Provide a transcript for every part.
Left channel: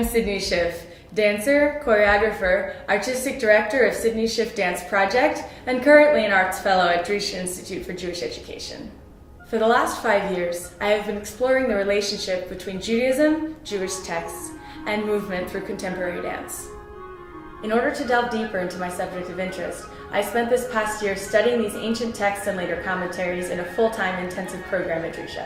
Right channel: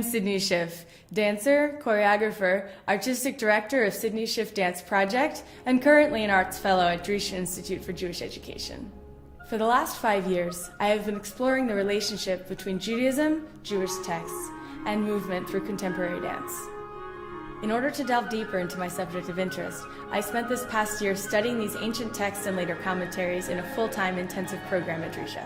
I'm Sydney Schiff, dancer, choreographer, artistic director of Sydney Schiff Dance Project, and currently an arts fellow at Drisha Institute for Jewish Education. For the last 5 years, I have been exploring the relationship between Judaism, Jewish texts, and movement through contemporary dance. In order to delve deeper into my subject of interest, I spent this past year studying these ancient texts and later commentaries in a full-time intensive program at Drisha.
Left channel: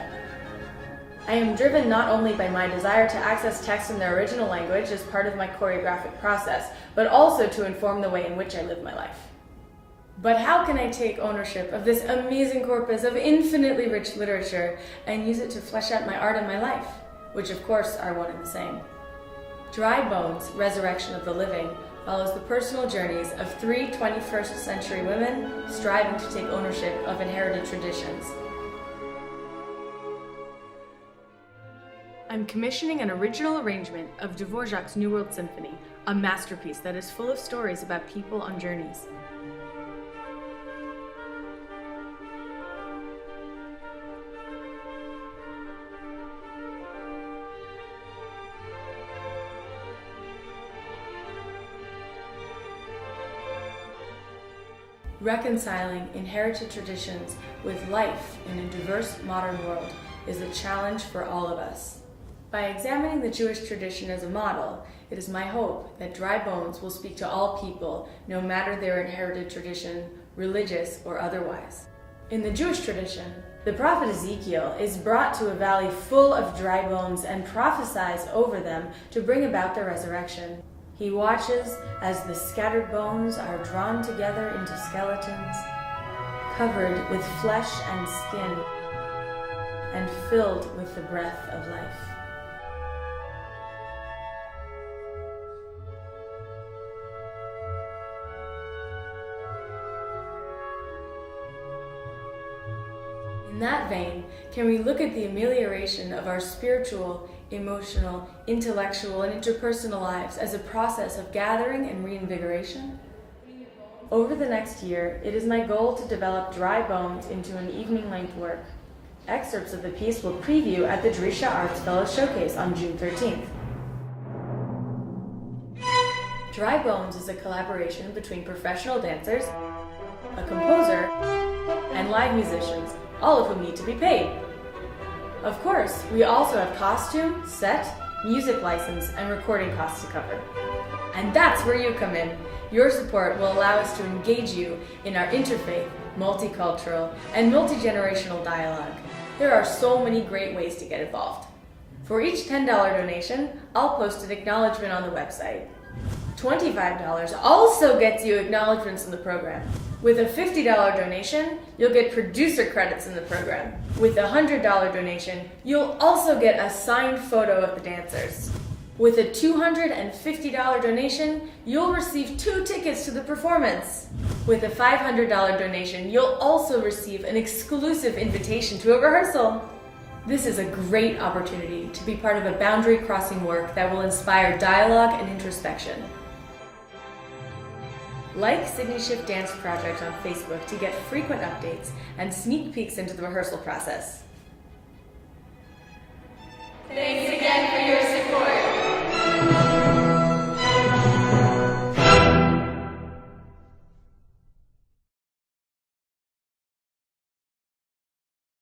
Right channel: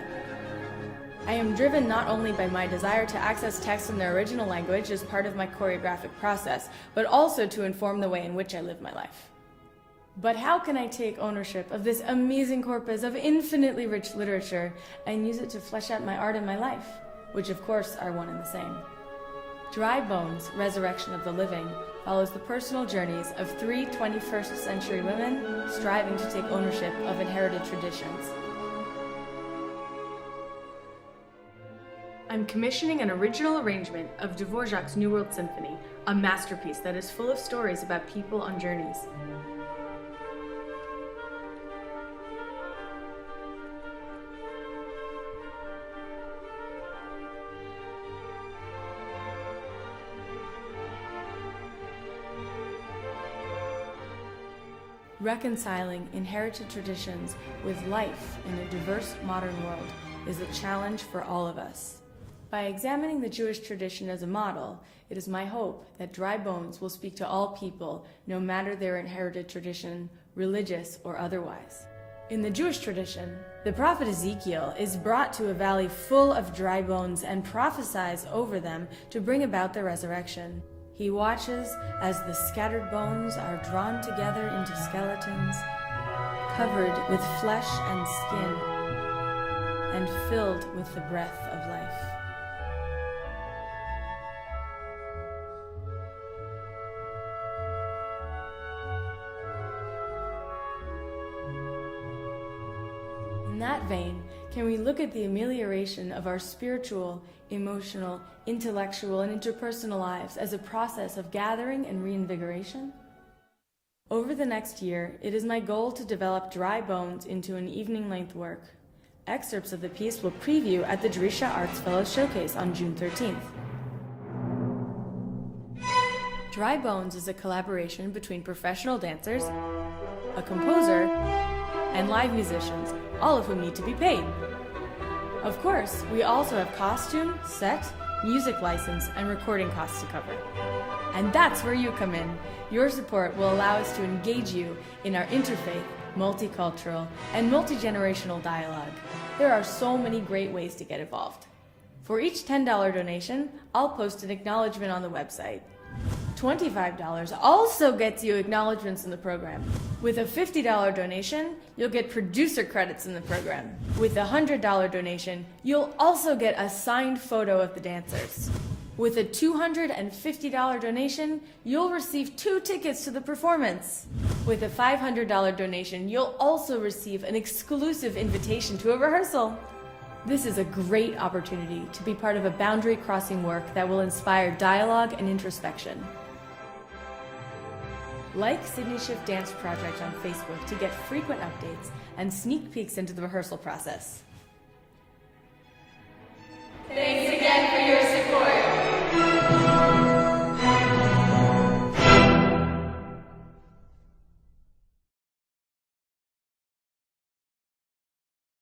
I am driven not only by my desire to access texts in their original language as part of my choreographic process, but also to inform the way in which I live my life. But how can I take ownership of this amazing corpus of infinitely rich literature and use it to flesh out my art and my life, which of course are one and the same? Dry Bones, Resurrection of the Living follows the personal journeys of 3 21st century women striving to take ownership of inherited traditions. I'm commissioning an original arrangement of Dvorak's New World Symphony, a masterpiece that is full of stories about people on journeys. Reconciling inherited traditions with life in a diverse modern world is a challenge for all of us. By examining the Jewish tradition as a model, it is my hope that Dry Bones will speak to all people, no matter their inherited tradition, religious or otherwise. In the Jewish tradition, the prophet Ezekiel is brought to a valley full of dry bones and prophesies over them to bring about their resurrection. He watches as the scattered bones are drawn together into skeletons, covered with flesh and skin, and filled with the breath of life. In that vein, can we look at the amelioration of our spiritual, emotional, intellectual, and interpersonal lives as a process of gathering and reinvigoration? Over the next year, it is my goal to develop Dry Bones into an evening-length work. Excerpts of the piece will preview at the Drisha Arts Fellows Showcase on June 13th. Dry Bones is a collaboration between professional dancers, a composer, and live musicians, all of whom need to be paid. Of course, we also have costume, set, music license, and recording costs to cover. And that's where you come in. Your support will allow us to engage you in our interfaith, multicultural, and multi-generational dialogue. There are so many great ways to get involved. For each $10 donation, I'll post an acknowledgement on the website. $25 also gets you acknowledgements in the program. With a $50 donation, you'll get producer credits in the program. With a $100 donation, you'll also get a signed photo of the dancers. With a $250 donation, you'll receive 2 tickets to the performance. With a $500 donation, you'll also receive an exclusive invitation to a rehearsal. This is a great opportunity to be part of a boundary-crossing work that will inspire dialogue and introspection. Like Sydney Schiff Dance Project on Facebook to get frequent updates and sneak peeks into the rehearsal process. Thanks again for your